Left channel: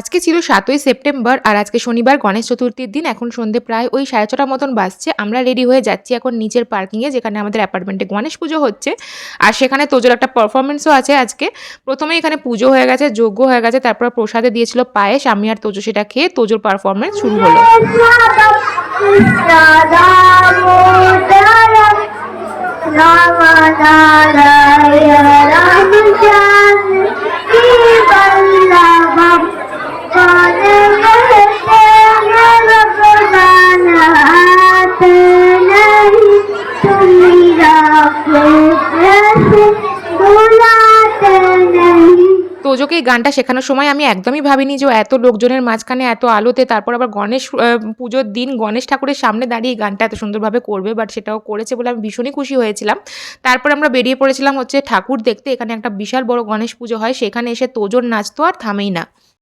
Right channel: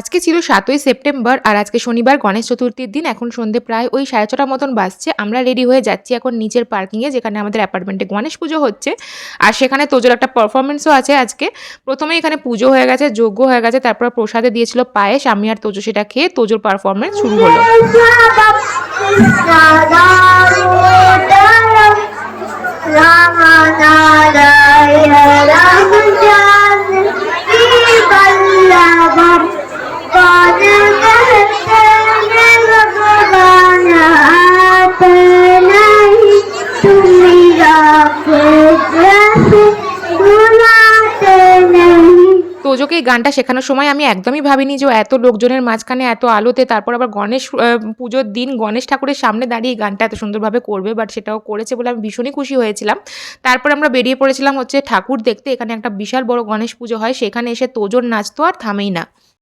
আজকে ছিল ৭ই সেপ্টেম্বর আর আজকে শনিবার গণেশ চতুর্থীর দিন। এখন সন্ধ্যে প্রায় ওই ৬:৩০ মতন বাজছে। আমরা রেডি হয়ে যাচ্ছি এখন নিচের পার্কিংয়ে, যেখানে আমাদের অ্যাপার্টমেন্টে গণেশ পুজো হচ্ছে। আর সেখানে তোজোর একটা পারফরমেন্সও আছে আজকে। প্রথমেই এখানে পুজো হয়ে গেছে, যজ্ঞ হয়ে গেছে, তারপর প্রসাদে দিয়েছিল পায়েস। আমি আর তোজো সেটা খেয়ে তোজোর পারফরমেন্স শুরু হলো। তোজোকে এই গানটা শেখানোর সময় আমি একদমই ভাবিনি যে ও এত লোকজনের মাঝখানে এত আলোতে, তারপর আবার গণেশ পুজোর দিন গণেশ ঠাকুরের সামনে দাঁড়িয়ে এই গানটা এত সুন্দরভাবে করবে। বাট সেটাও করেছে বলে আমি ভীষণই খুশি হয়েছিলাম। তারপর আমরা বেরিয়ে পড়েছিলাম হচ্ছে ঠাকুর দেখতে। এখানে একটা বিশাল বড় গণেশ পুজো হয়, সেখানে এসে তোজোর নাচ তো আর থামেই না।